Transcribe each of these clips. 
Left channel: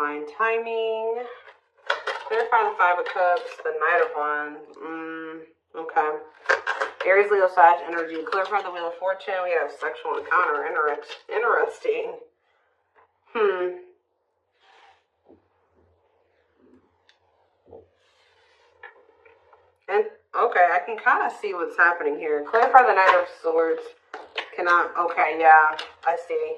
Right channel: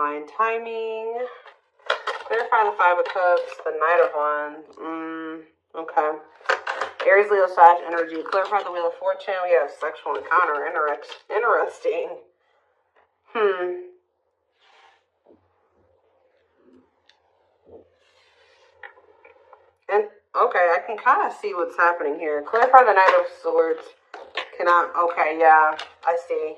divine timing. Clarify the Five of Cups, the Knight of Wands. Okay. Aries, Leo, Sag energy. Clarify the Wheel of Fortune. We have sexual encounter. Interesting. And okay, I can kind of see what's happening here. Clarify the Knight of Swords. Okay, yeah, I see.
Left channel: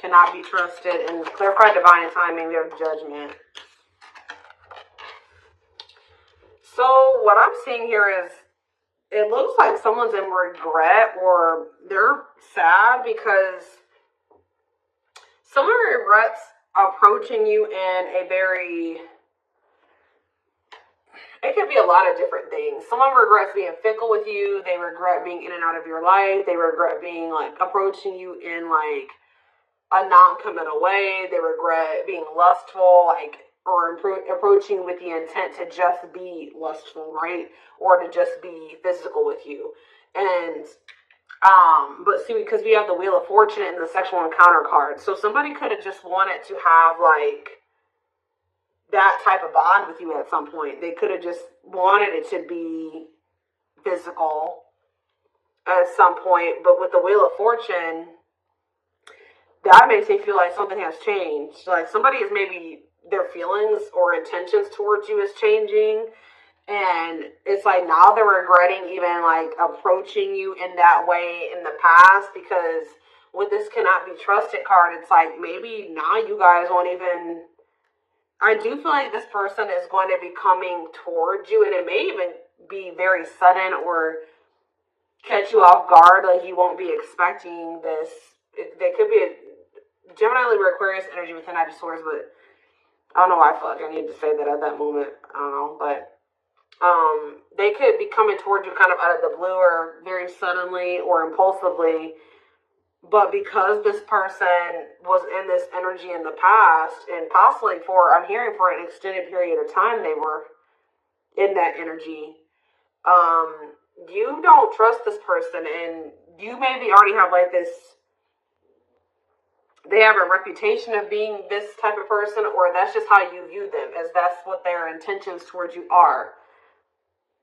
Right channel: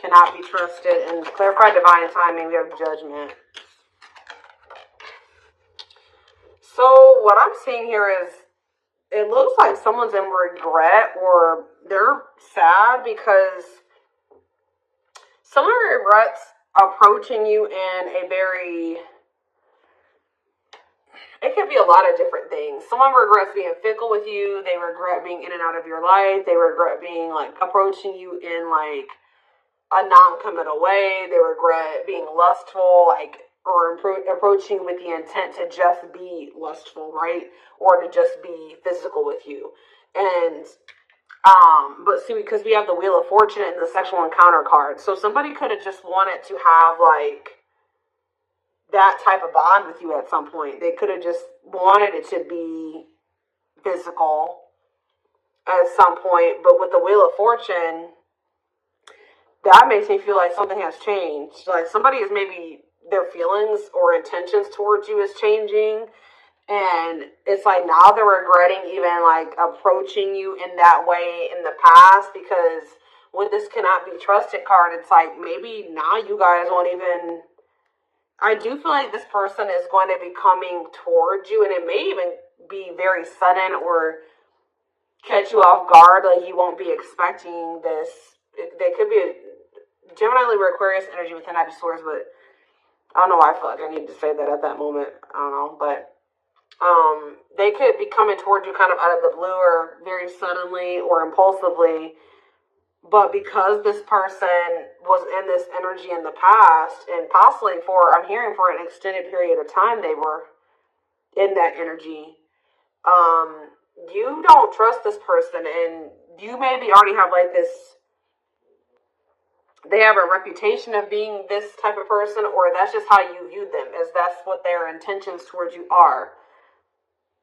Cannot be trusted. And clarify divine timing. We have Judgment. So what I'm seeing here is it looks like someone's in regret or they're sad because someone regrets approaching you in a very... It could be a lot of different things. Someone regrets being fickle with you. They regret being in and out of your life. They regret being approaching you in a non-committal way. They regret being lustful, or approaching with the intent to just be lustful, right? Or to just be physical with you. And, but see, because we have the Wheel of Fortune and the sexual encounter card. So somebody could have just wanted to have, that type of bond with you at some point. They could have just wanted it to be physical at some point. But with the Wheel of Fortune, that makes me feel like something has changed. Like somebody is maybe their feelings or intentions towards you is changing. And it's like now they're regretting even approaching you in that way in the past, because with this cannot be trusted card, it's like maybe now you guys won't even... I do feel like this person is going to be coming towards you, and it may even be very sudden or catch you off guard. Like you won't be expecting this. There could be a Gemini, Libra, Aquarius energy with the Knight of Swords, but I don't know why I feel like I need to say that at that moment. I don't know, but they could be coming towards you kind of out of the blue or very suddenly or impulsively. But because this person was in this energy in the past, and possibly I'm hearing for an extended period of time, they were in that energy. You don't trust this person, and you maybe already have this, they have a reputation of being this type of person, or that's just how you view them, as that's what their intentions towards you are.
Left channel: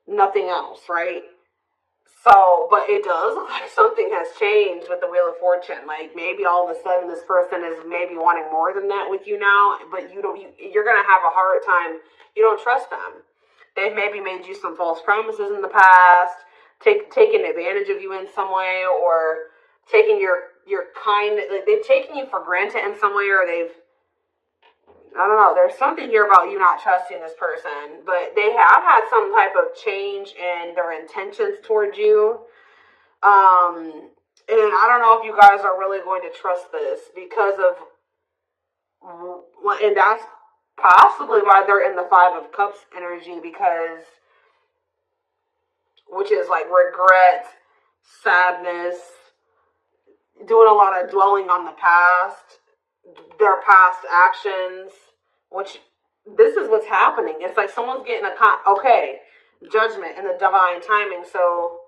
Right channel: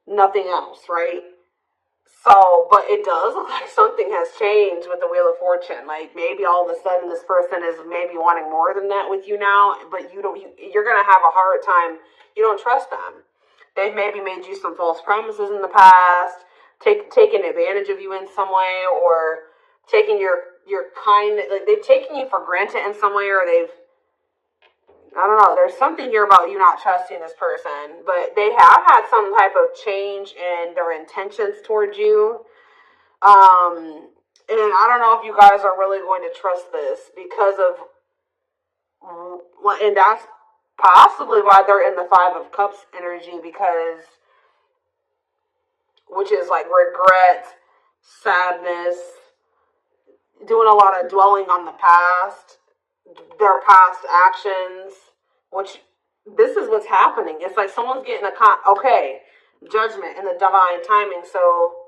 Nothing else, right? So, but it does look like something has changed with the Wheel of Fortune. Maybe all of a sudden this person is maybe wanting more than that with you now, but you're going to have a hard time. You don't trust them. They've maybe made you some false promises in the past, taken advantage of you in some way, or taking your kind, they've taken you for granted in some way, or I don't know, there's something here about you not trusting this person, but they have had some type of change in their intentions towards you. And I don't know if you guys are really going to trust this because of, and that's possibly why they're in the Five of Cups energy, which is regret, sadness, doing a lot of dwelling on the past, their past actions, which this is what's happening. It's like someone's getting judgment and the divine timing. So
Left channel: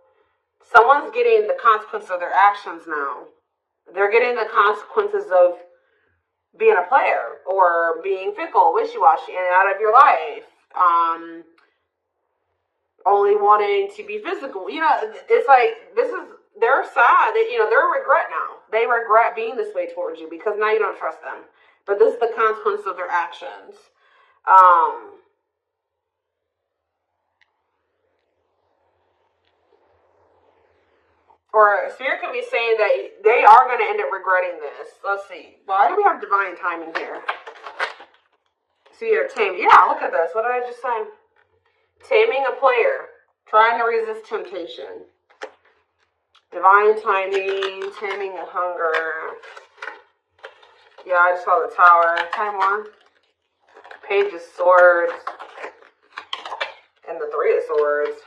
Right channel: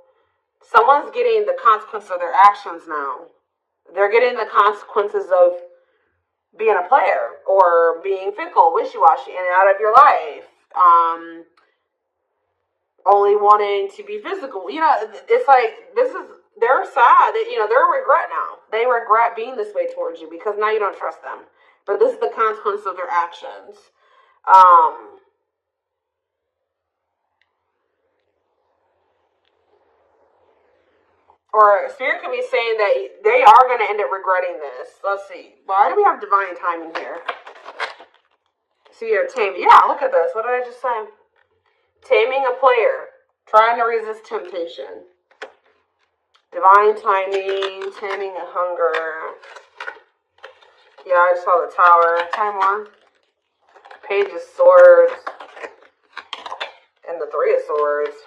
someone's getting the consequences of their actions now. They're getting the consequences of being a player or being fickle, wishy-washy, in and out of your life. Only wanting to be physical. It's like they're sad. They're a regret now. They regret being this way towards you because now you don't trust them. But this is the consequence of their actions. Or Spirit could be saying that they are going to end up regretting this. Let's see. Why do we have divine timing here? See, you're taming. Yeah, look at this. What did I just say? Taming a player. Trying to resist temptation. Divine timing. Taming a hunger. Yeah, I just saw the Tower. Time one. Page of Swords. And the Three of Swords.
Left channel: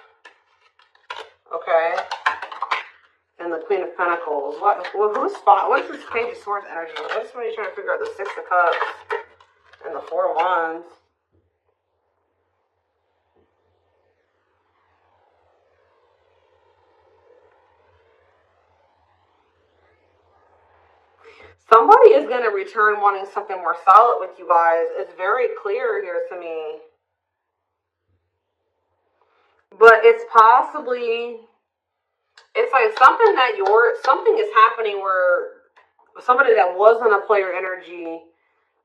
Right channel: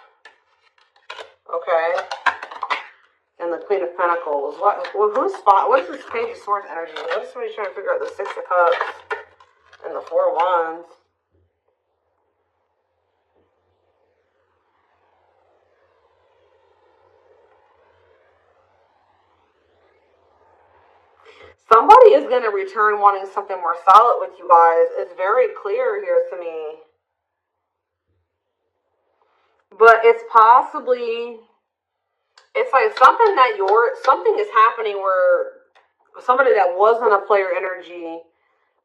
Okay. And the Queen of Pentacles. What's this Page of Swords energy? That's what you're trying to figure out. The Six of Cups. And the Four of Wands. Somebody is going to return wanting something more solid with you guys. It's very clear here to me. But it's possibly, it's like something is happening where somebody that wasn't a player energy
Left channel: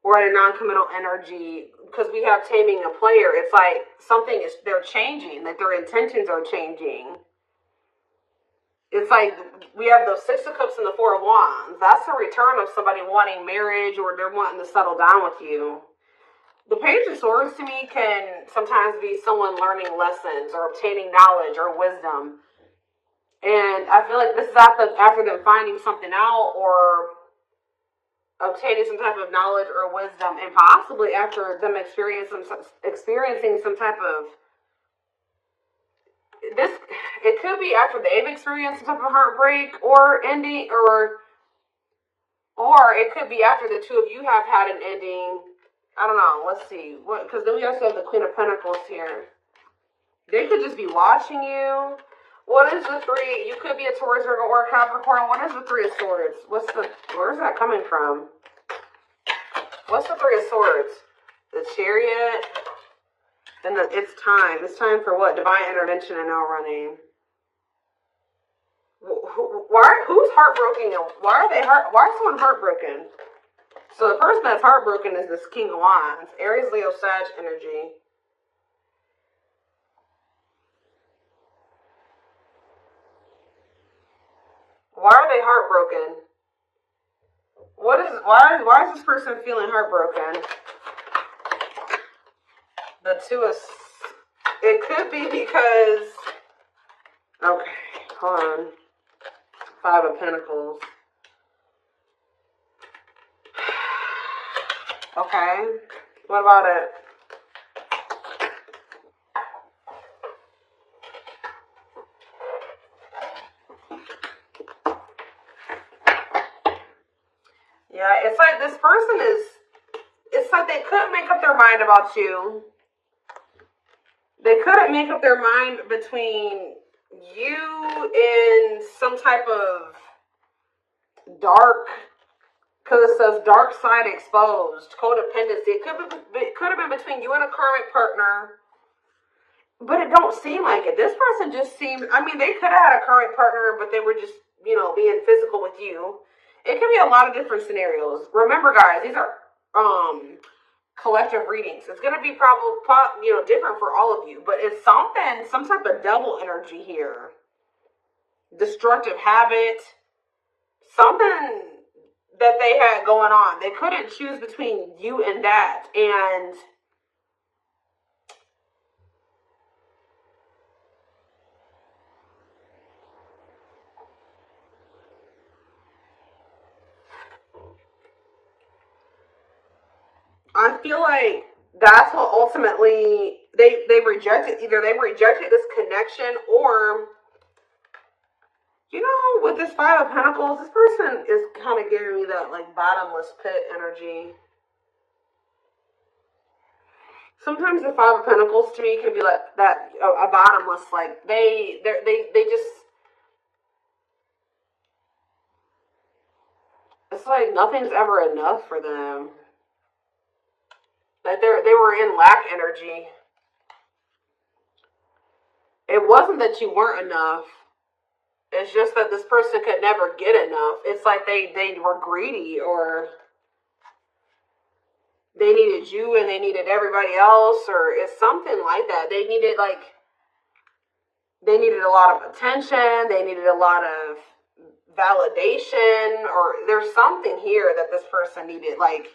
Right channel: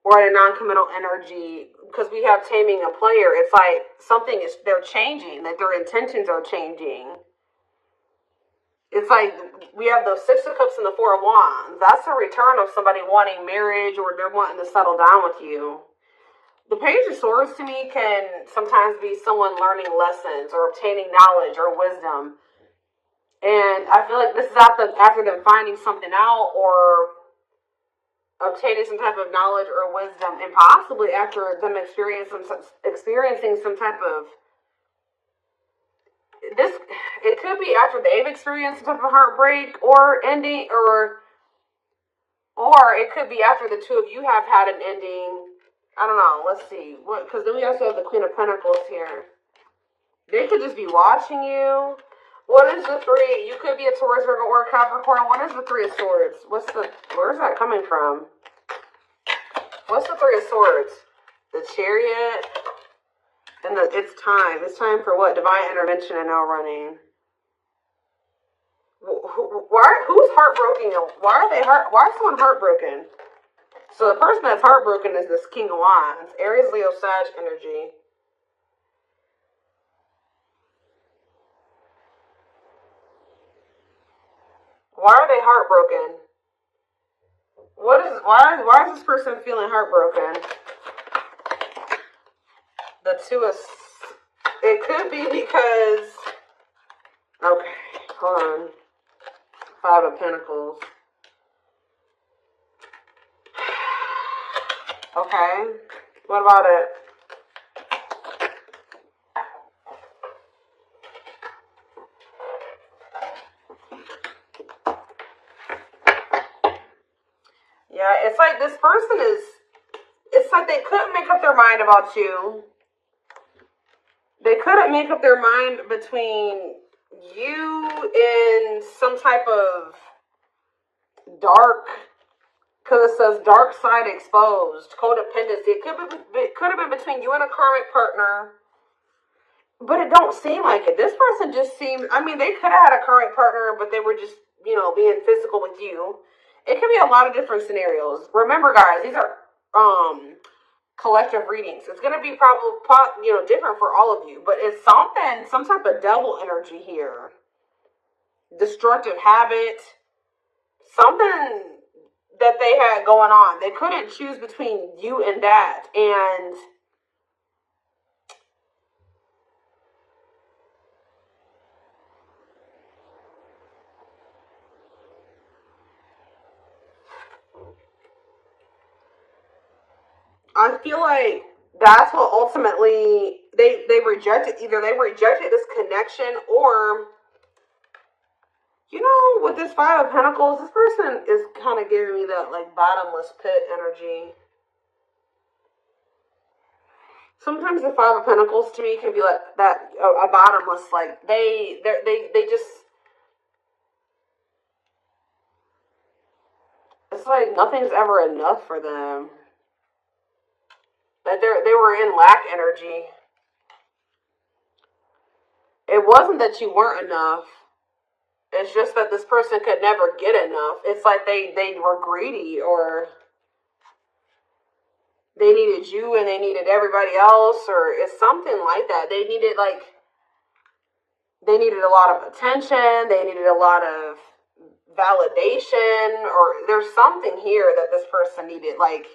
or in a non-committal energy, because we have taming a player, it's like they're changing, that their intentions are changing. It's like we have those Six of Cups and the Four of Wands. That's a return of somebody wanting marriage, or they're wanting to settle down with you. The Page of Swords to me can sometimes be someone learning lessons or obtaining knowledge or wisdom. And I feel like this is after them finding something out or obtaining some type of knowledge or wisdom, and possibly after them experiencing some type of this. It could be after they've experienced some type of heartbreak or ending, or it could be after the two of you have had an ending. I don't know. Let's see. Because then we also have the Queen of Pentacles here. They could just be watching you. What is the three? You could be a Taurus, Virgo, or a Capricorn. What is the Three of Swords? Where's that coming from? What's the Three of Swords? The Chariot. And it's time. It's time for what? Divine intervention and now running. Who's heartbroken? Why is someone heartbroken? So the person that's heartbroken is this King of Wands. Aries, Leo, Sag energy. Why are they heartbroken? Why is this person feeling heartbroken? The Two of... It could be because... Okay, hold on. Five of Pentacles. Okay, what about it? Yeah, it's like this person is, it's like they couldn't make up their mind about you. They couldn't make up their mind between you and some type of dark, because it says dark side exposed, codependency. It could have been between you and a karmic partner, but it don't seem like it. This person just seems, I mean, they could have had a karmic partner, but they were just, being physical with you. It could be a lot of different scenarios. Remember, guys, these are collective readings. It's going to be probably different for all of you, but it's some type of devil energy here. Destructive habit, something that they had going on. They couldn't choose between you and that. And I feel like that's what ultimately they rejected. Either they rejected this connection, or with this Five of Pentacles, this person is kind of giving me that like bottomless pit energy. Sometimes the Five of Pentacles to me can be like that, a bottomless, like they just, it's like nothing's ever enough for them. Like they were in lack energy. It wasn't that you weren't enough. It's just that this person could never get enough. It's like they were greedy, or they needed you and they needed everybody else, or it's something like that. They needed a lot of attention. They needed a lot of validation, or there's something here that this person needed. Like,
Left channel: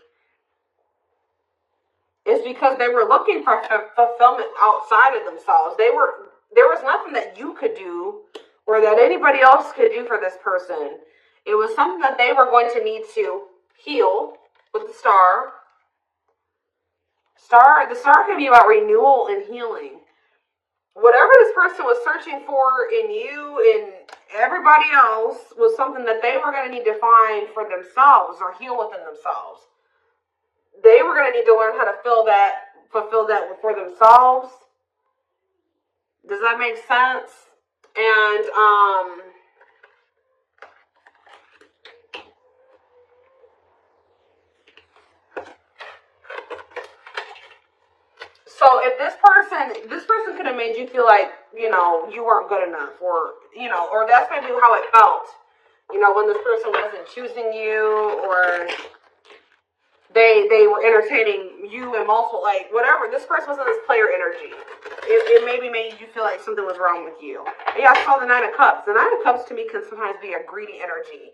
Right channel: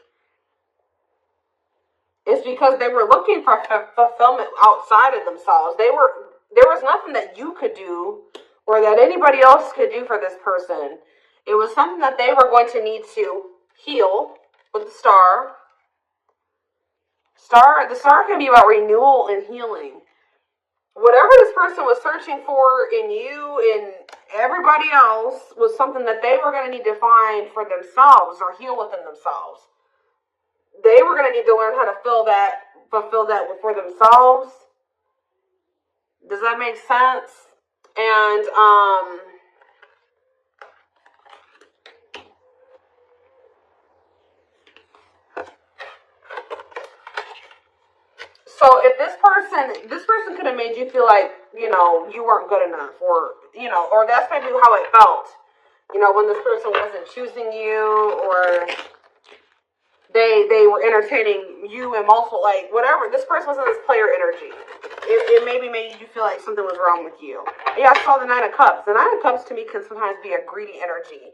it's because they were looking for fulfillment outside of themselves. There was nothing that you could do or that anybody else could do for this person. It was something that they were going to need to heal with the Star. The Star can be about renewal and healing. Whatever this person was searching for in you and everybody else was something that they were going to need to find for themselves or heal within themselves. They were going to need to learn how to fulfill that for themselves. Does that make sense? And person could have made you feel like, you know, you weren't good enough, or, you know, or that's maybe how it felt, you know, when this person wasn't choosing you, or they were entertaining you and multiple, like, whatever. This person was in this player energy. It maybe made you feel like something was wrong with you. Yeah, I saw the Nine of Cups. The Nine of Cups to me can sometimes be a greedy energy.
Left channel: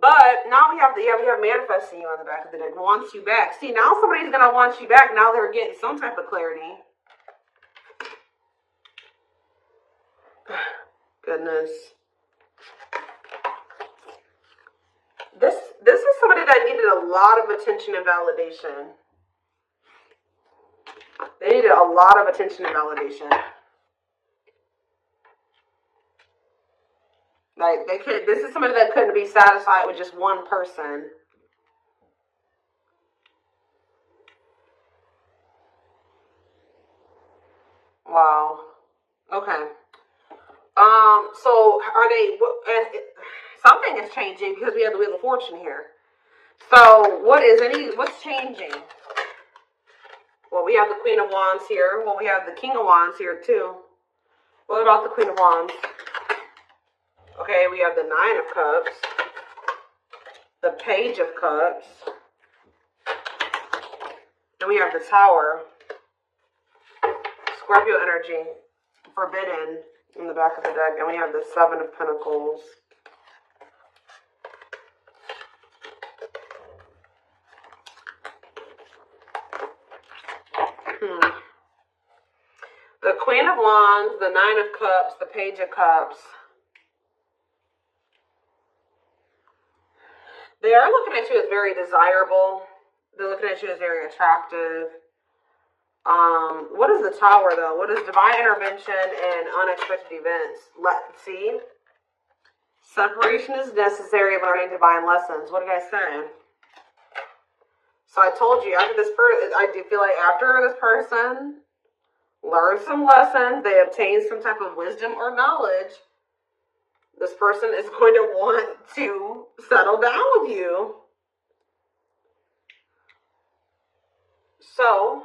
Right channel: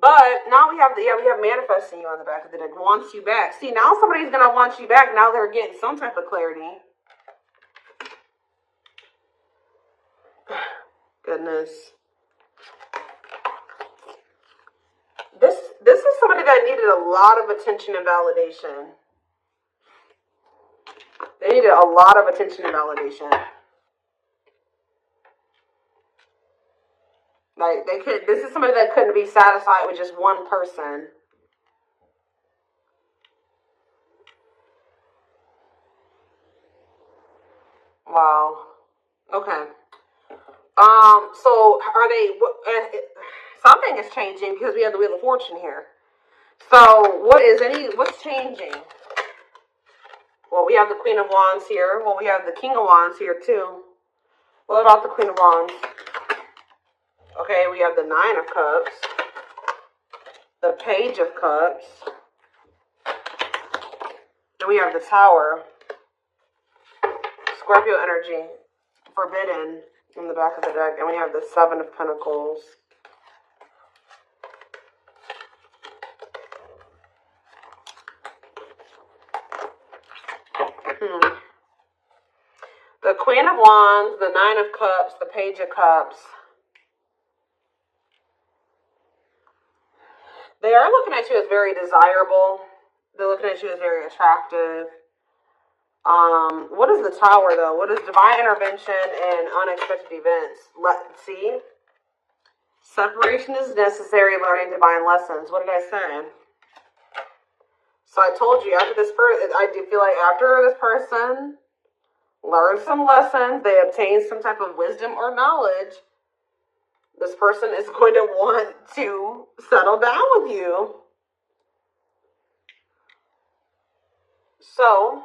But now we have manifesting you on the back of the deck. Wants you back. See, now somebody's gonna want you back. Now they're getting some type of clarity. Goodness. This is somebody that needed a lot of attention and validation. They needed a lot of attention and validation. Like, this is somebody that couldn't be satisfied with just one person. Wow. Okay. So are they, something is changing because we have the Wheel of Fortune here. So what's changing? Well, we have the Queen of Wands here. Well, we have the King of Wands here too. What about the Queen of Wands? Okay, we have the Nine of Cups, the Page of Cups, and we have the Tower. Scorpio energy, forbidden, in the back of the deck, and we have the Seven of Pentacles. The Queen of Wands, the Nine of Cups, the Page of Cups. They are looking at you as very desirable. They're looking at you as very attractive. What is the Tower, though? What is divine intervention and unexpected events? Let's see. Separation is necessary, learning divine lessons. What did I say? So I told you, after this person, I do feel like after this person learns some lessons, they obtain some type of wisdom or knowledge, this person is going to want to settle down with you. So,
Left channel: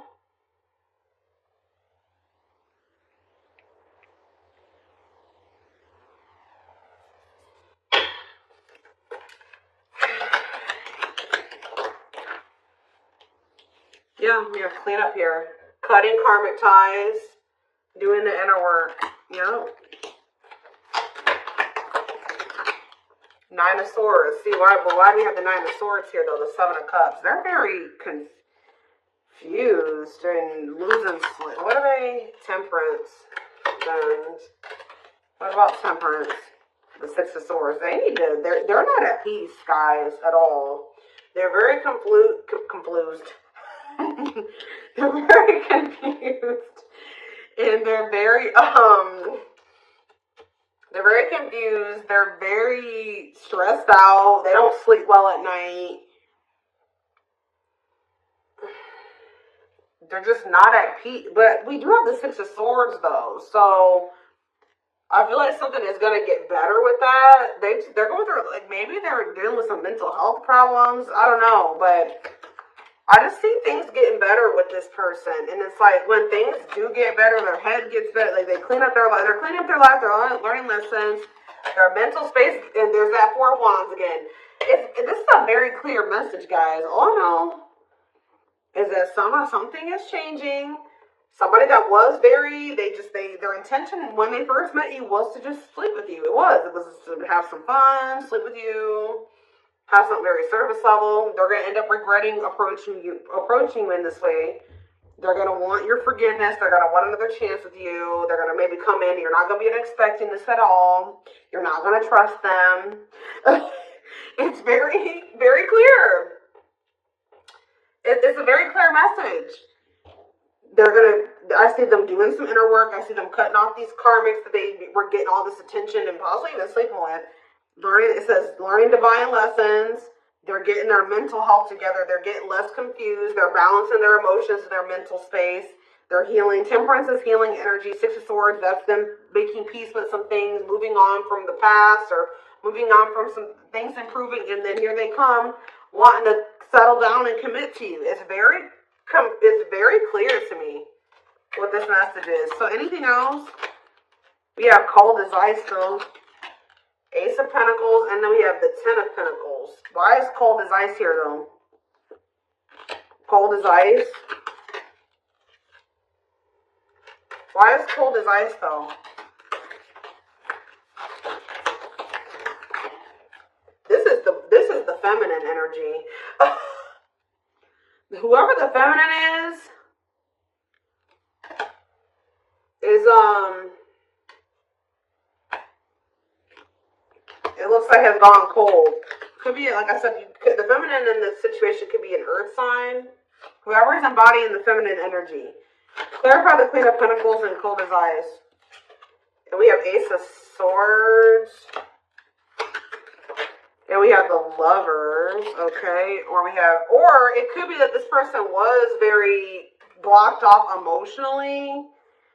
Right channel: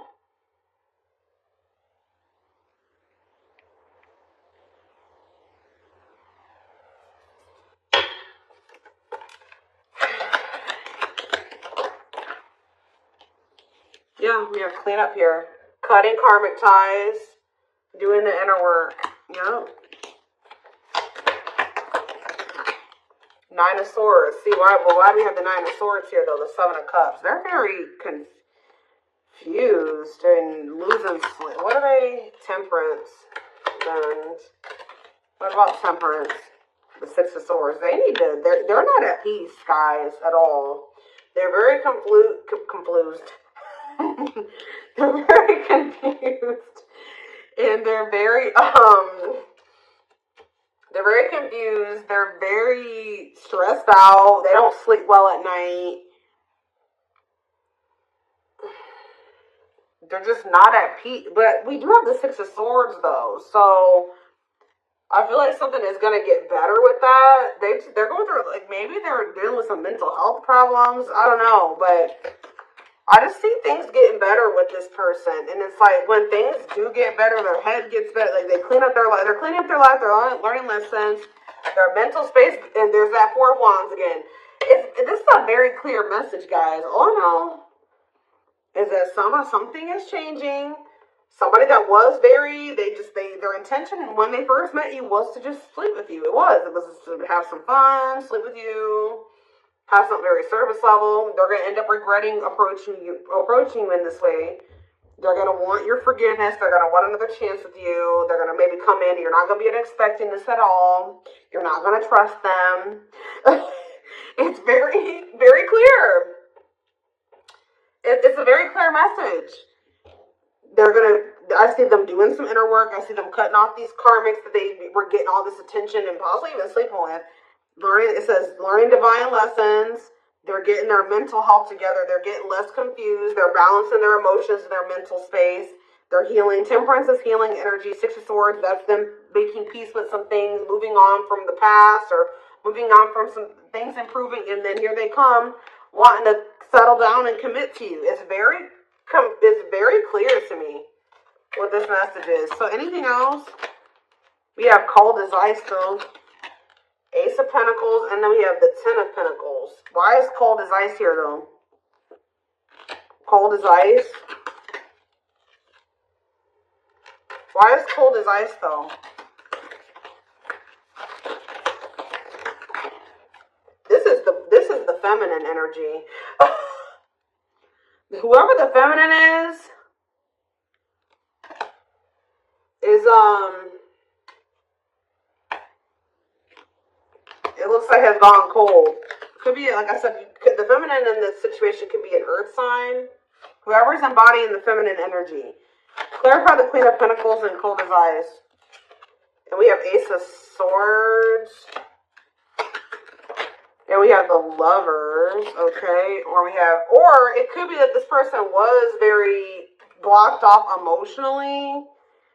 yeah, we have clean up here. Cutting karmic ties, doing the inner work. Yep. Nine of Swords. See, why do we have the Nine of Swords here, though? The Seven of Cups. They're very confused and losing sleep. What are they? Temperance. And what about Temperance? The Six of Swords. They need to, they're not at peace, guys, at all. They're very confused. They're very confused. And they're very confused. They're very stressed out. They don't sleep well at night. They're just not at peace. But we do have the Six of Swords, though. So I feel like something is going to get better with that. They're going through, like, maybe they're dealing with some mental health problems. I don't know. But I just see things getting better with this person. And it's like, when things do get better, their head gets better. Like, they clean up their life. They're cleaning up their life. They're learning lessons. Their mental space. There's that Four of Wands again. This is a very clear message, guys. All I know is that something is changing. Somebody that was their intention when they first met you was to just sleep with you. It was to have some fun, sleep with you, have something very surface level. They're going to end up regretting approaching you in this way. They're going to want your forgiveness. They're going to want another chance with you. They're going to maybe come in. You're not going to be expecting this at all. You're not going to trust them. It's very, very clear. It's a very clear message. I see them doing some inner work. I see them cutting off these karmics that they were getting all this attention and possibly even sleeping with. It says learning divine lessons. They're getting their mental health together. They're getting less confused. They're balancing their emotions, their mental space. They're healing. Temperance is healing energy. Six of Swords, that's them making peace with some things, moving on from the past or moving on from some things improving. And then here they come wanting to settle down and commit to you. It's very clear to me. what this message is. So anything else? We have cold as ice though. Ace of Pentacles, and then we have the Ten of Pentacles. Why is cold as ice here though? Cold as ice. Why is cold as ice though? This is the feminine energy. Whoever the feminine is it looks like has gone cold. Could be, like I said, the feminine in this situation could be an earth sign. Whoever's embodying the feminine energy. Clarify the Queen of Pentacles and cold as ice. And we have Ace of Swords. And we have the Lovers, okay? Or it could be that this person was very blocked off emotionally.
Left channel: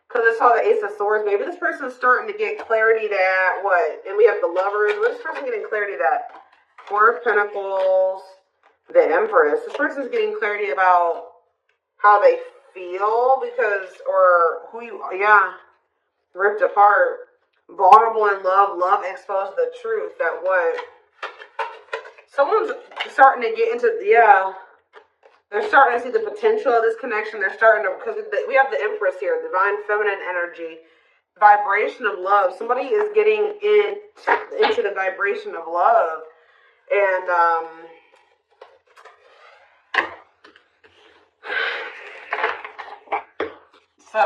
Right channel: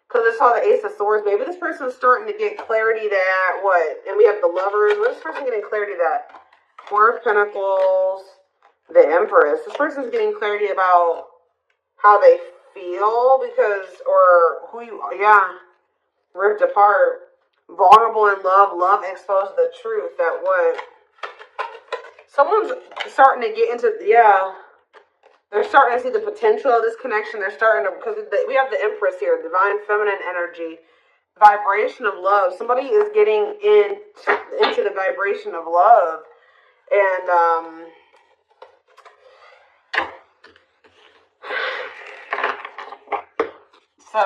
Because I saw the Ace of Swords. Maybe this person's starting to get clarity that, and we have the Lovers. What is this person getting clarity that? Four of Pentacles, the Empress. This person's getting clarity about how they feel ripped apart. Vulnerable in love, love exposed the truth that someone's starting to get into, they're starting to see the potential of this connection. They're starting to, because we have the Empress here, divine feminine energy, vibration of love. Somebody is getting into the vibration of love. And, so,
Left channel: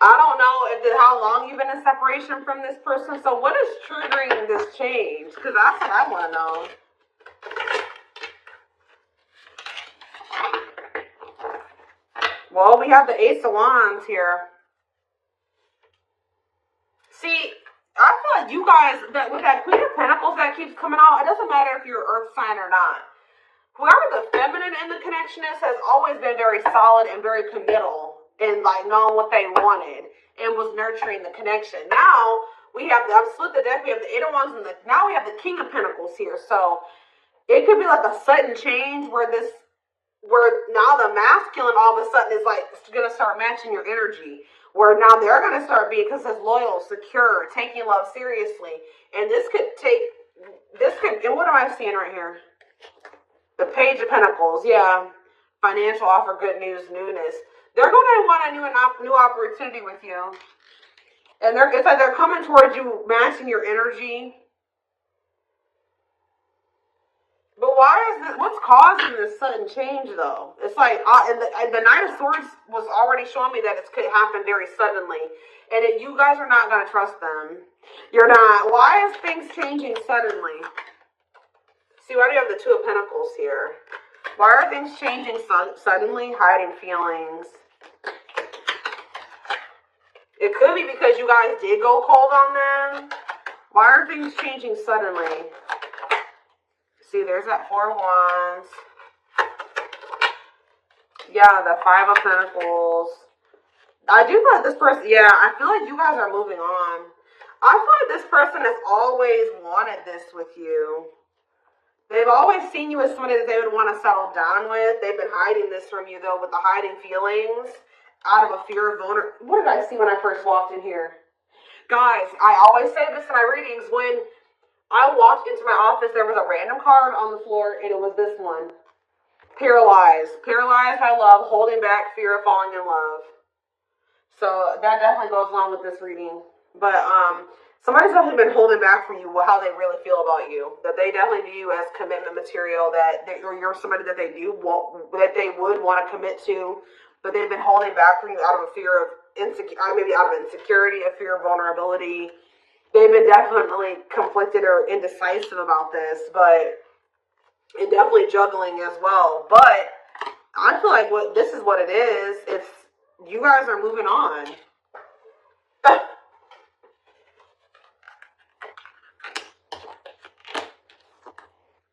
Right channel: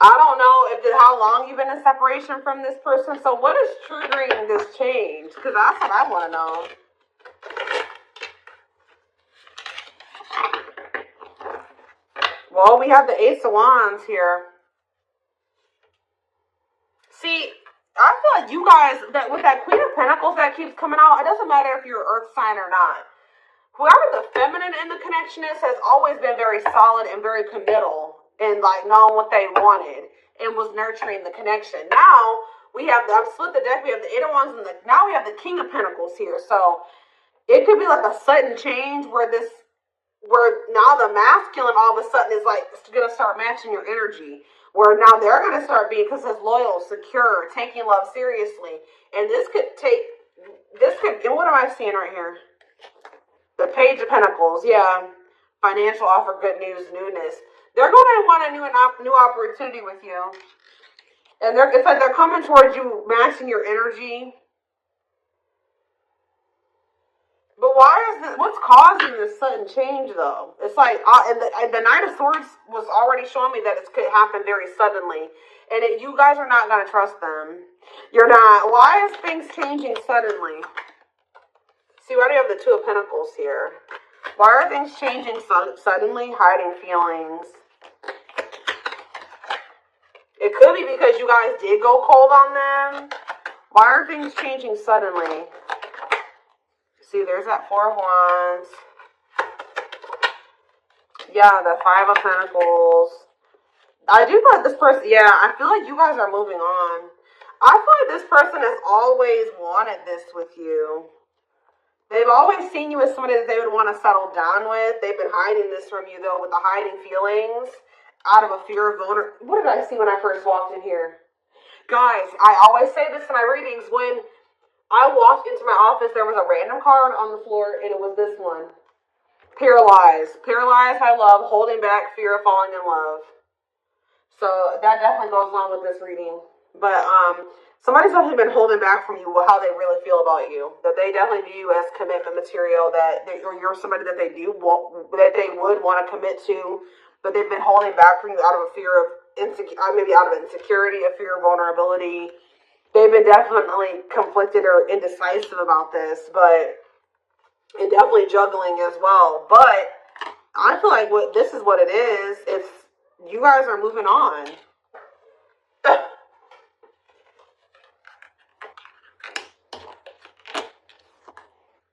I don't know how long you've been in separation from this person. So what is triggering this change? Because that's what I want to know. Well, we have the Ace of Wands here. See, I feel like you guys, with that Queen of Pentacles that keeps coming out, it doesn't matter if you're an earth sign or not. Whoever the feminine in the connection is has always been very solid and very committal in like knowing what they wanted and was nurturing the connection. Now we have I've split the deck. We have the Eight of Wands and now we have the King of Pentacles here. So it could be like a sudden change where now the masculine all of a sudden is like gonna start matching your energy. Where now they're gonna start being, because it's loyal, secure, taking love seriously. And and what am I seeing right here? The Page of Pentacles, yeah. Financial offer, good news, newness. They're going to want a new opportunity with you. And it's like they're coming towards you, matching your energy. But what's causing this sudden change, though? It's like, and the Knight of Swords was already showing me that it could happen very suddenly. And you guys are not going to trust them. You're not. Why is things changing suddenly? See, why do you have the Two of Pentacles here? Why are things changing suddenly? Hiding feelings. It could be because you guys did go cold on them. Why are things changing suddenly? See, there's that Four of Wands. Yeah, the Five of Pentacles. I do feel like this person, I feel like you guys are moving on. I feel like this person has always wanted this with you. They've always seen you as somebody that they would want to settle down with. They've been hiding this from you, though, with the hiding feelings out of a fear of vulnerability. What did I see when I first walked in here? Guys, I always say this in my readings. When I walked into my office, there was a random card on the floor, and it was this one. Paralyzed. Paralyzed by love, holding back fear of falling in love. So that definitely goes along with this reading. But, somebody's definitely been holding back from you how they really feel about you. That they definitely view you as commitment material. Or you're somebody that they would want to commit to. But they've been holding back from you out of a fear of maybe out of insecurity, a fear of vulnerability. They've been definitely conflicted or indecisive about this, and definitely juggling as well. But I feel like this is what it is. If you guys are moving on.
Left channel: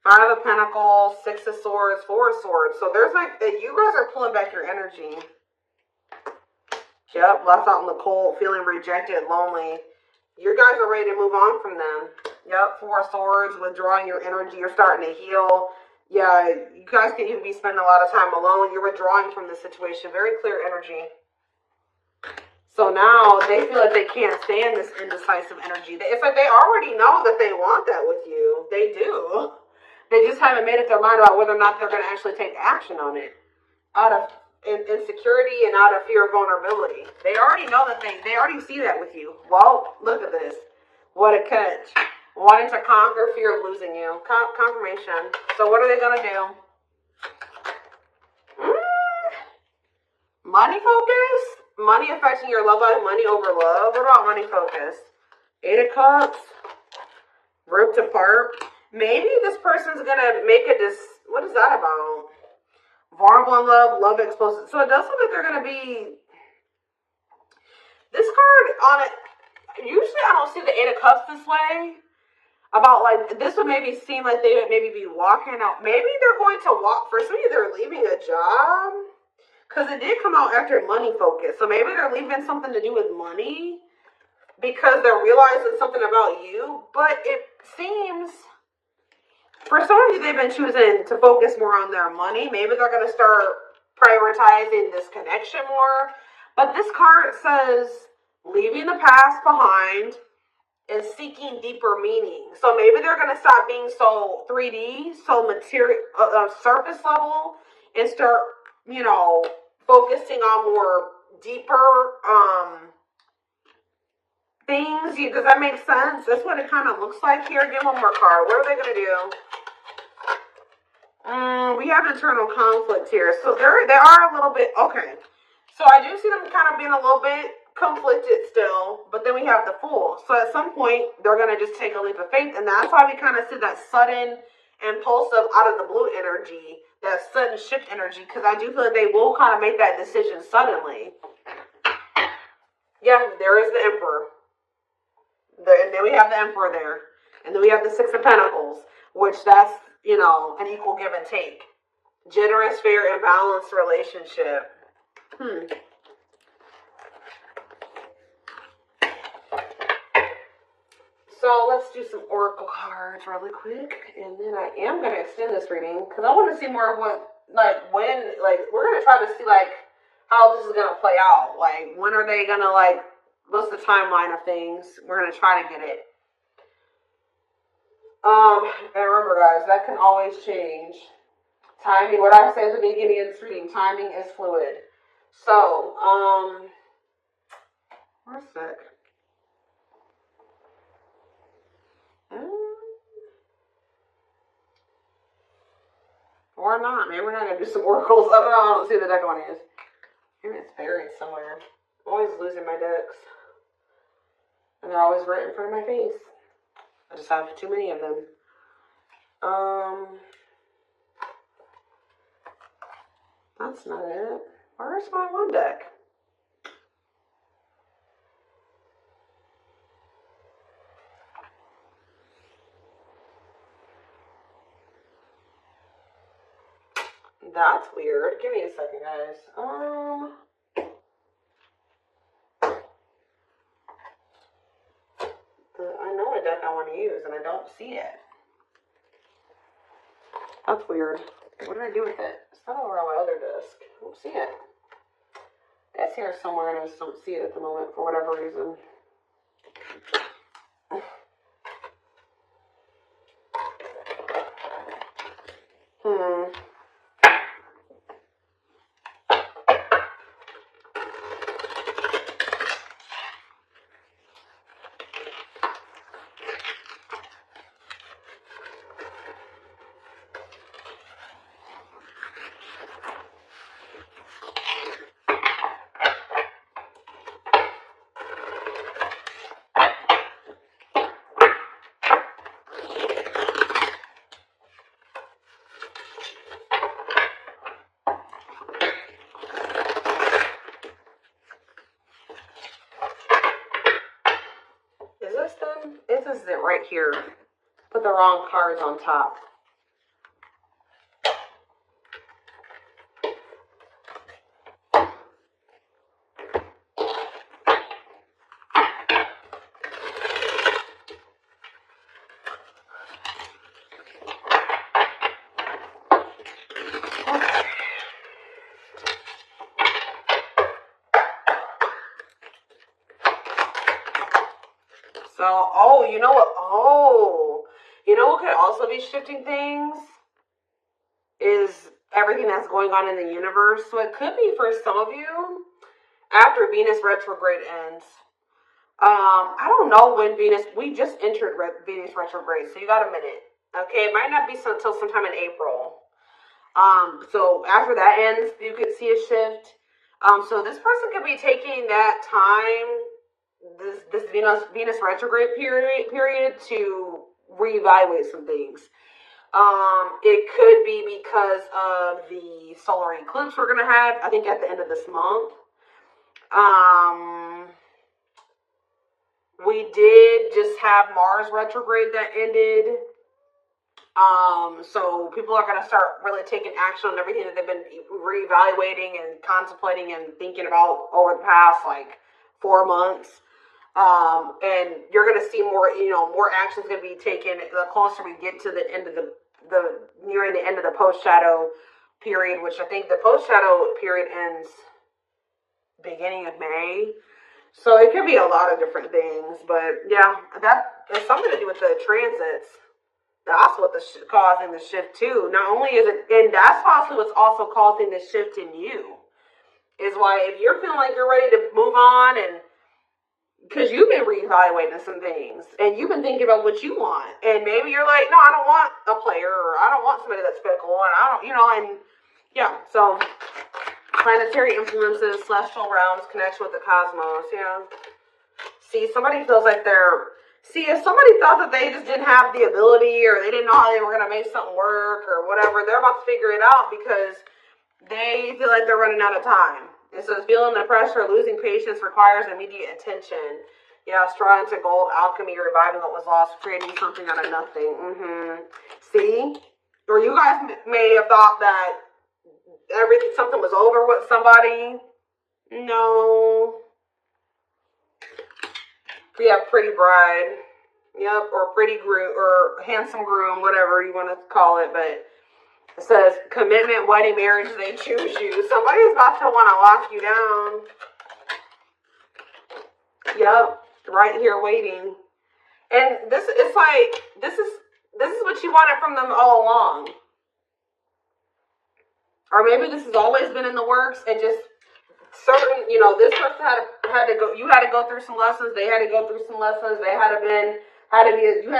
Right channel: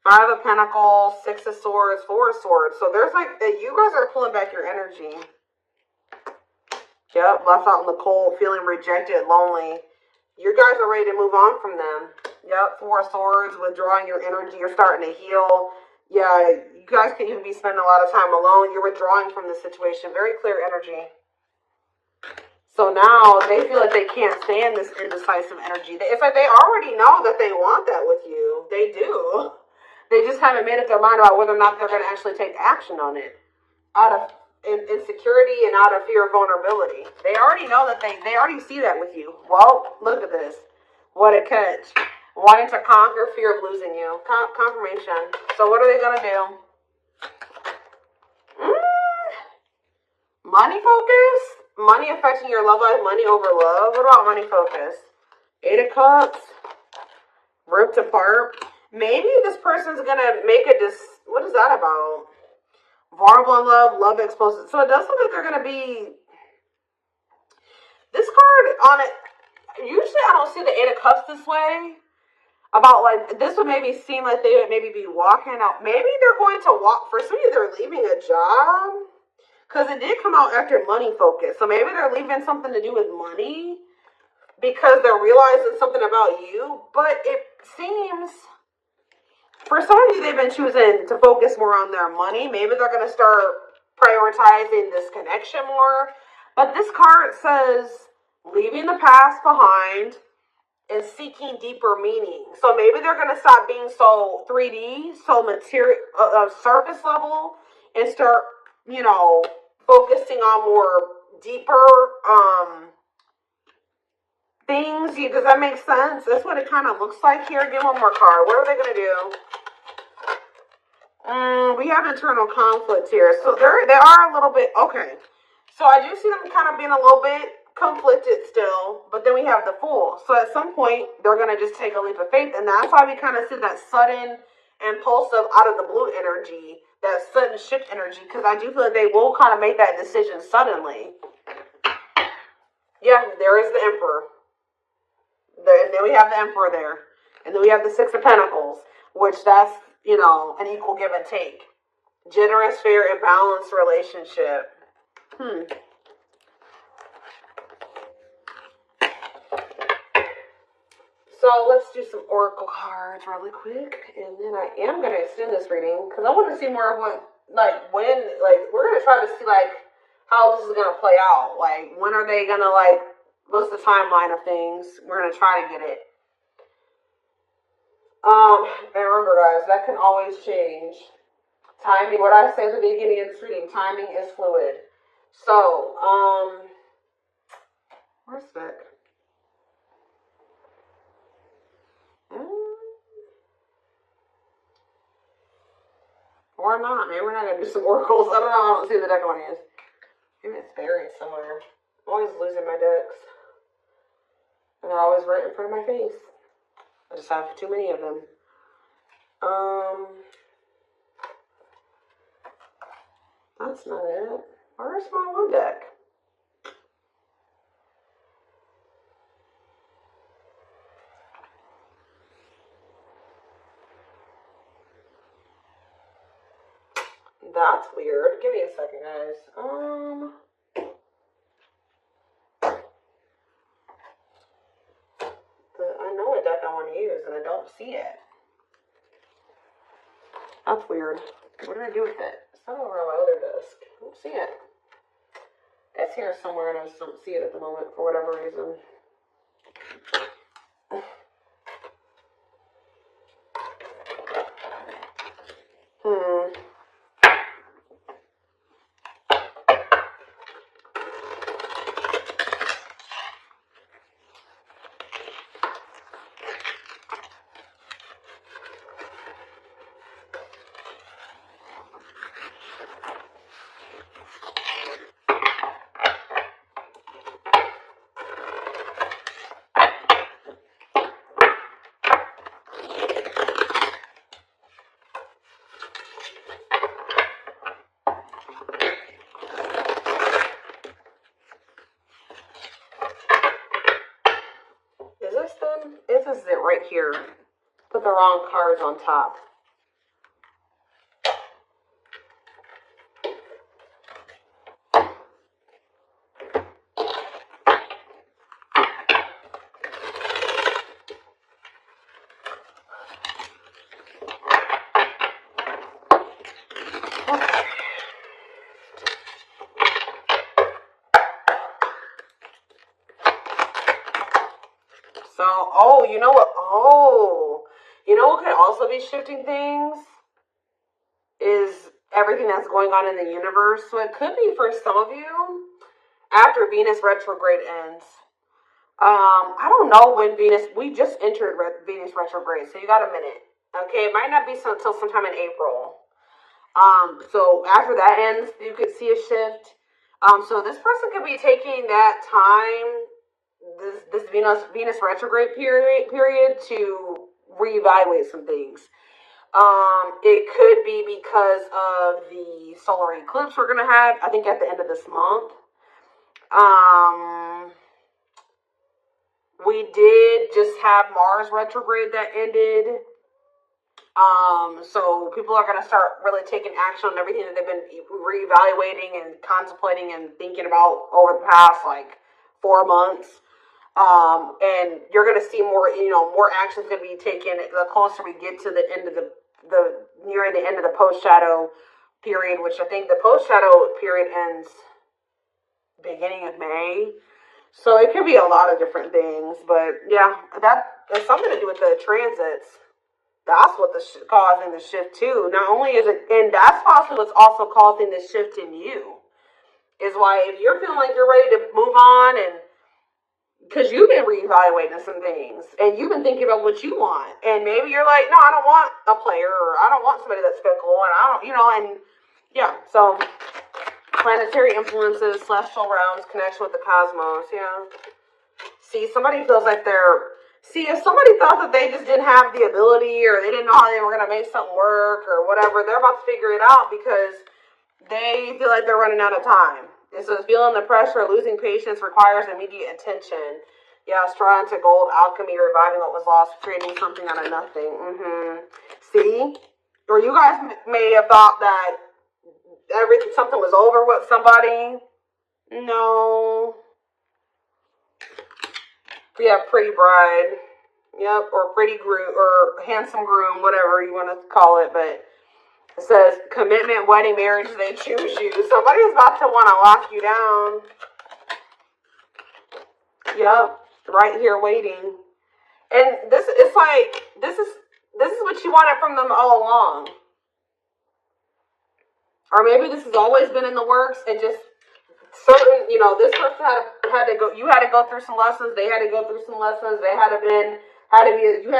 Five of Pentacles, Six of Swords, Four of Swords. So there's you guys are pulling back your energy. Yep, left out in the cold, feeling rejected, lonely. You guys are ready to move on from them. Yep, Four of Swords, withdrawing your energy. You're starting to heal. Yeah, You guys can even be spending a lot of time alone. You're withdrawing from the situation. Very clear energy. So now they feel like they can't stand this indecisive energy. It's like they already know that they want that with you. They do. They just haven't made up their mind about whether or not they're going to actually take action on it. Out of insecurity and out of fear of vulnerability. They already know that they already see that with you. Well, look at this. What a catch. Wanting to conquer fear of losing you. Confirmation. So what are they going to do? Money focus? Money affecting your love life, money over love. What about money focus? 8 of Cups. Ripped apart. Maybe this person's gonna make what is that about? Vulnerable in love, love exposed. So it does look like they're gonna be. This card on it. Usually I don't see the 8 of Cups this way. About like this would maybe seem like they would maybe be walking out. Maybe they're going to walk. For some of you, they're leaving a job. Because it did come out after money focus. So maybe they're leaving something to do with money because they're realizing something about you. But it seems, for some of you, they've been choosing to focus more on their money. Maybe they're going to start prioritizing this connection more. But this card says, leaving the past behind and seeking deeper meaning. So maybe they're going to stop being so 3D, so material, surface level, and start, focusing on more deeper things. Does that make sense? That's what it kind of looks like here. Give one more card. What are they going to do? We have internal conflict here. So they are a little bit, okay. So I do see them kind of being a little bit conflicted still, but then we have the Fool. So at some point, they're going to just take a leap of faith, and that's why we kind of see that sudden, impulsive, out of the blue energy, that sudden shift energy, because I do feel like they will kind of make that decision suddenly. Yeah, there is the Emperor. And then we have the Emperor there. And then we have the 6 of Pentacles, which that's, an equal give and take. Generous, fair, and balanced relationship. So let's do some oracle cards really quick, and then I am going to extend this reading because I want to see more of we're going to try to see how this is going to play out. Like, when are they going to what's the timeline of things? We're going to try to get it. And remember, guys, that can always change. Timing, what I said at the beginning of this reading, timing is fluid. So, where's that? Or not. Maybe we're going to do some oracles. I don't know. I don't see the deck one is. Maybe it's buried somewhere. I'm always losing my decks. And they're always right in front of my face. I just have too many of them. That's not it. Where's my one deck? That's weird. Give me a second, guys. I know a deck I want to use, and I don't see it. That's weird. What did I do with it? It's not over on my other desk. I don't see it. It's here somewhere, and I just don't see it at the moment for whatever reason. This is it right here. Put the wrong cards on top. So, oh, you know what? Oh, you know what could also be shifting things is everything that's going on in the universe. So it could be for some of you after Venus retrograde ends. I don't know when we just entered Venus retrograde, so you got a minute. Okay, it might not be until sometime in April. So after that ends, you could see a shift. So this person could be taking that time, this Venus retrograde period to reevaluate some things. It could be because of the solar eclipse we're gonna have, I think, at the end of this month. We did just have Mars retrograde that ended. So people are going to start really taking action on everything that they've been reevaluating and contemplating and thinking about over the past, like, 4 months. And you're going to see more, more actions going to be taken the closer we get to the end of nearing the end of the post-shadow period, which I think the post-shadow period ends beginning of May. So it could be a lot of different things, but yeah, that has something to do with the transits. That's what's causing the shift too. Not only is it, and that's also what's also causing the shift in you. Is why if you're feeling like you're ready to move on, and because you've been reevaluating some things, and you've been thinking about what you want, and maybe you're like, no, I don't want a player, or I don't want somebody that's fickle, and I don't, and yeah, so planetary influences, celestial realms, connection with the cosmos, yeah. See, somebody feels like if somebody thought that they just didn't have the ability, or they didn't know how they were going to make something work, or whatever, they're about to figure it out because they feel like they're running out of time. It says, feeling the pressure of losing patience requires immediate attention. Yeah, striving to gold, alchemy, reviving what was lost, creating something out of nothing. See? Or you guys may have thought that something was over with somebody. No. We have pretty bride. Yep, or pretty groom, or handsome groom, whatever you want to call it. But it says commitment, wedding, marriage, they choose you. Somebody's about to want to lock you down. Yep, right here waiting. And this is what you wanted from them all along. Or maybe this has always been in the works, and just certain, this person had to go. You had to go through some lessons. They had to go through some lessons. You had to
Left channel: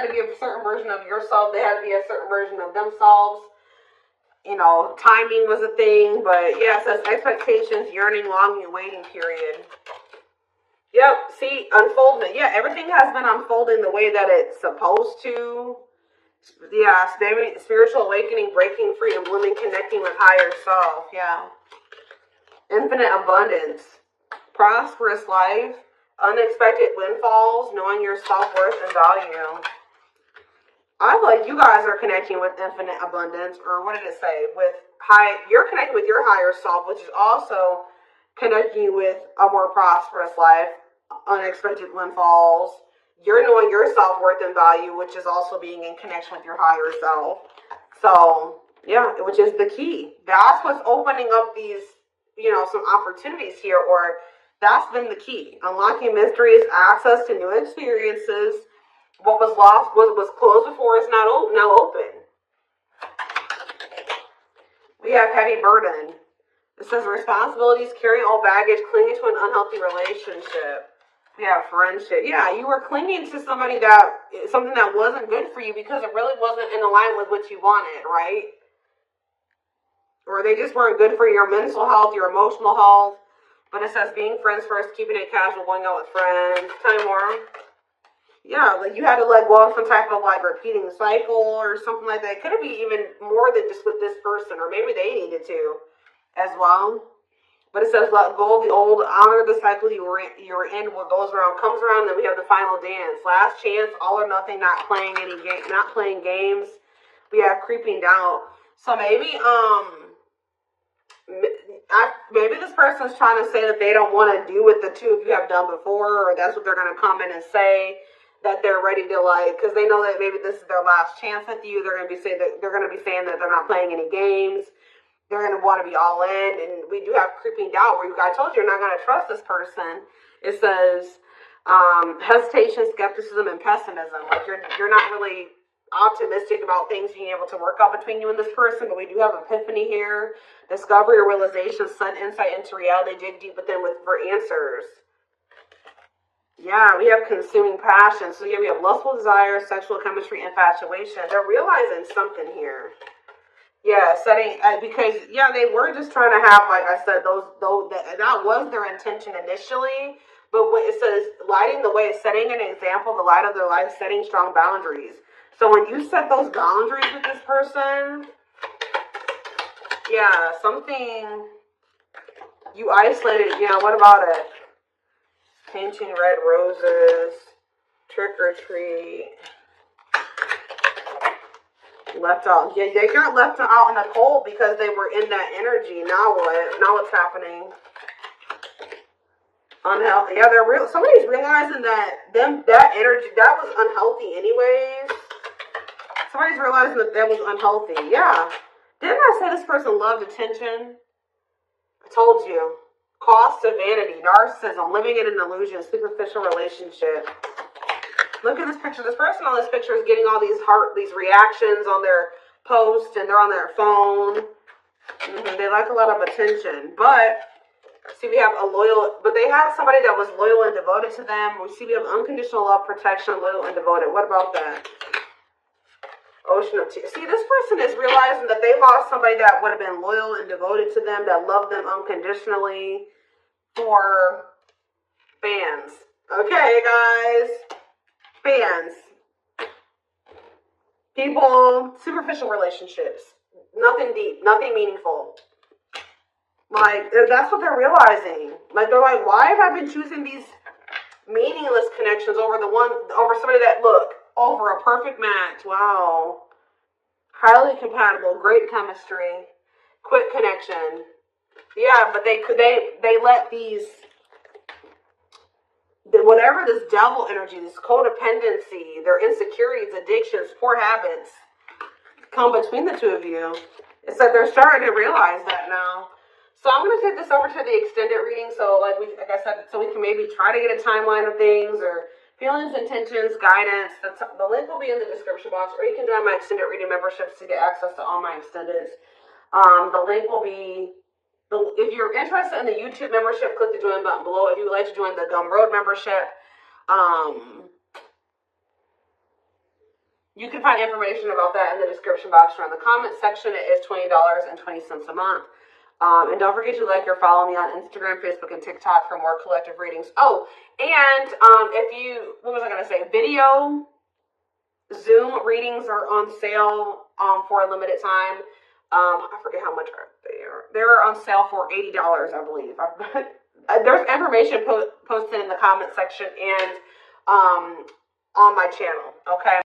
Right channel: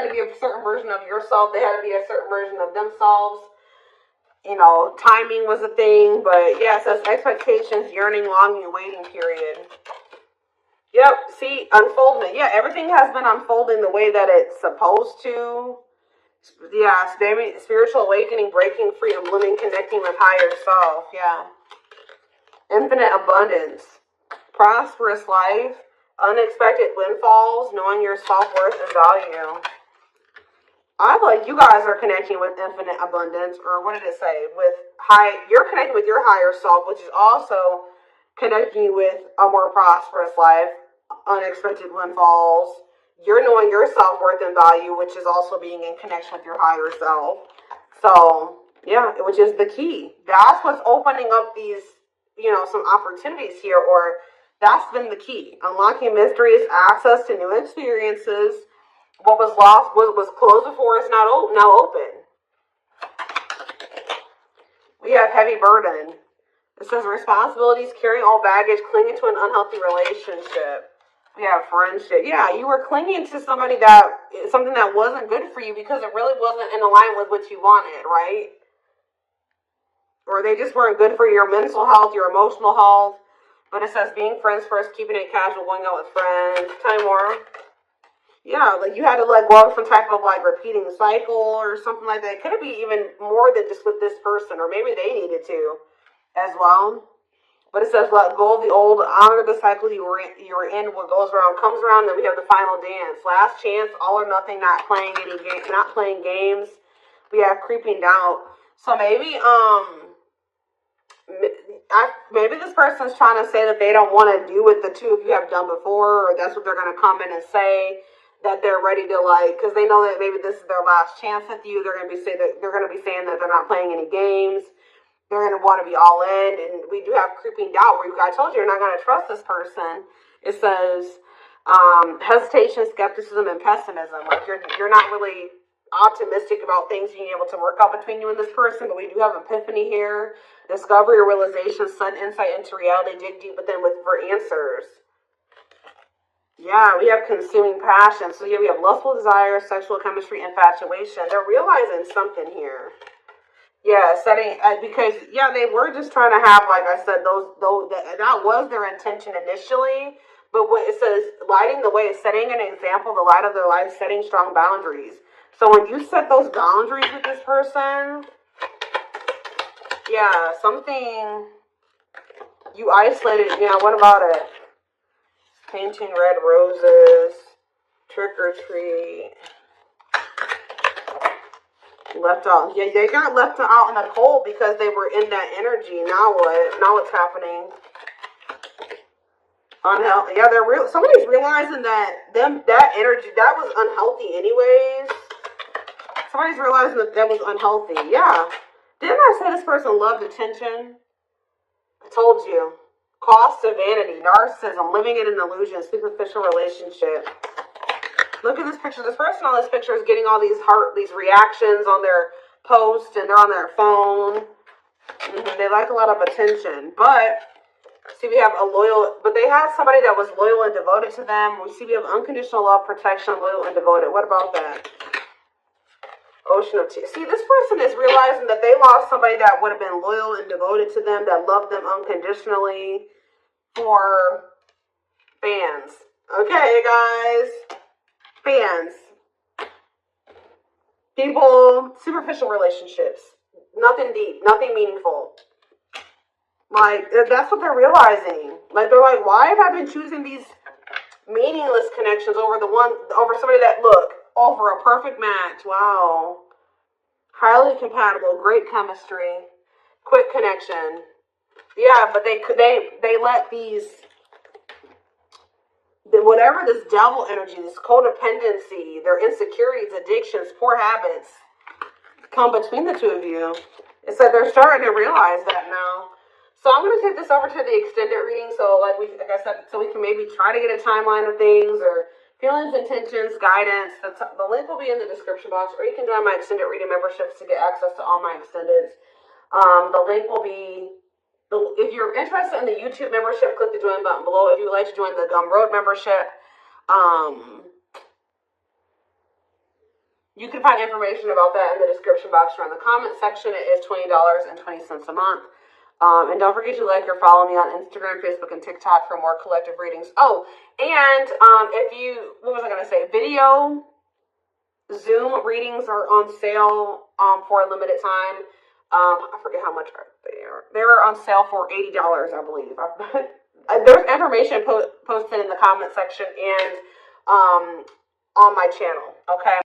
be a certain version of yourself. They had to be a certain version of themselves. Timing was a thing, but yes, that's expectations, yearning, longing, waiting period. Yep. See, unfoldment. Yeah, everything has been unfolding the way that it's supposed to. Yeah, spiritual awakening, breaking free, and blooming, connecting with higher self. Yeah. Infinite abundance, prosperous life, unexpected windfalls, knowing your self-worth and value. I like you guys are connecting with infinite abundance, or what did it say? You're connecting with your higher self, which is also connecting you with a more prosperous life, unexpected windfalls. You're knowing your self-worth and value, which is also being in connection with your higher self. So, yeah, which is the key. That's what's opening up these, some opportunities here, or that's been the key. Unlocking mysteries, access to new experiences. What was lost, what was closed before is now open. We have heavy burden. It says responsibilities, carrying old baggage, clinging to an unhealthy relationship. Yeah, friendship. Yeah, you were clinging to something that wasn't good for you because it really wasn't in alignment with what you wanted, right? Or they just weren't good for your mental health, your emotional health. But it says being friends first, keeping it casual, going out with friends. Tell me more. Yeah, like you had to let go of some type of repeating cycle or something like that. It could be even more than just with this person, or maybe they needed to as well. But it says, let go of the old, honor the cycle you were in. What goes around comes around. Then we have the final dance, last chance, all or nothing. Not playing games. We have creeping doubt. So maybe this person's trying to say that they don't want to do what the two of you have done before, or that's what they're going to come in and say, that they're ready to because they know that maybe this is their last chance with you. They're going to be saying that they're not playing any games. They're going to want to be all in, and we do have creeping doubt where I told you you're not going to trust this person. It says, Hesitation, skepticism, and pessimism. Like you're not really optimistic about things being able to work out between you and this person, but we do have epiphany here, discovery or realization, sudden insight into reality, dig deep within for answers. Yeah, we have consuming passion. So yeah, we have lustful desire, sexual chemistry, infatuation. They're realizing something here. Yeah, because they were just trying to have, like I said, that was their intention initially. But what it says, lighting the way, setting an example, the light of their life, setting strong boundaries. So when you set those boundaries with this person, yeah, something you isolated. What about it? Painting red roses, trick or treat. Left out. Yeah, they got left out in the cold because they were in that energy. Now what? Now what's happening? Unhealthy. Yeah, somebody's realizing that energy, that was unhealthy anyways. Somebody's realizing that was unhealthy. Yeah. Didn't I say this person loved attention? I told you. Cost of vanity, narcissism, living in an illusion, superficial relationship. Look at this picture. This person on this picture is getting all these reactions on their post, and they're on their phone. They like a lot of attention. But see, we have but they have somebody that was loyal and devoted to them. We have unconditional love, protection, loyal and devoted. What about that? Ocean of tears. See, this person is realizing that they lost somebody that would have been loyal and devoted to them, that loved them unconditionally, for fans. Okay, guys. Fans. People, superficial relationships. Nothing deep, nothing meaningful. Like, that's what they're realizing. Like, they're like, why have I been choosing these meaningless connections over somebody that, for a perfect match. Wow. Highly compatible, great chemistry, quick connection. Yeah, but they let whatever this devil energy, this codependency, their insecurities, addictions, poor habits come between the two of you. It's like they're starting to realize that now. So I'm going to take this over to the extended reading. So like I said, so we can maybe try to get a timeline of things or feelings, intentions, guidance. The link will be in the description box, or you can join my extended reading memberships to get access to all my extendeds. The link will be, if you're interested in the YouTube membership, click the join button below. If you would like to join the Gumroad membership, you can find information about that in the description box or in the comment section. It is $20.20 a month. And don't forget to like or follow me on Instagram, Facebook, and TikTok for more collective readings. Oh, and what was I going to say? Video Zoom readings are on sale for a limited time. I forget how much they are. They're on sale for $80, I believe. There's information posted in the comment section and on my channel. Okay.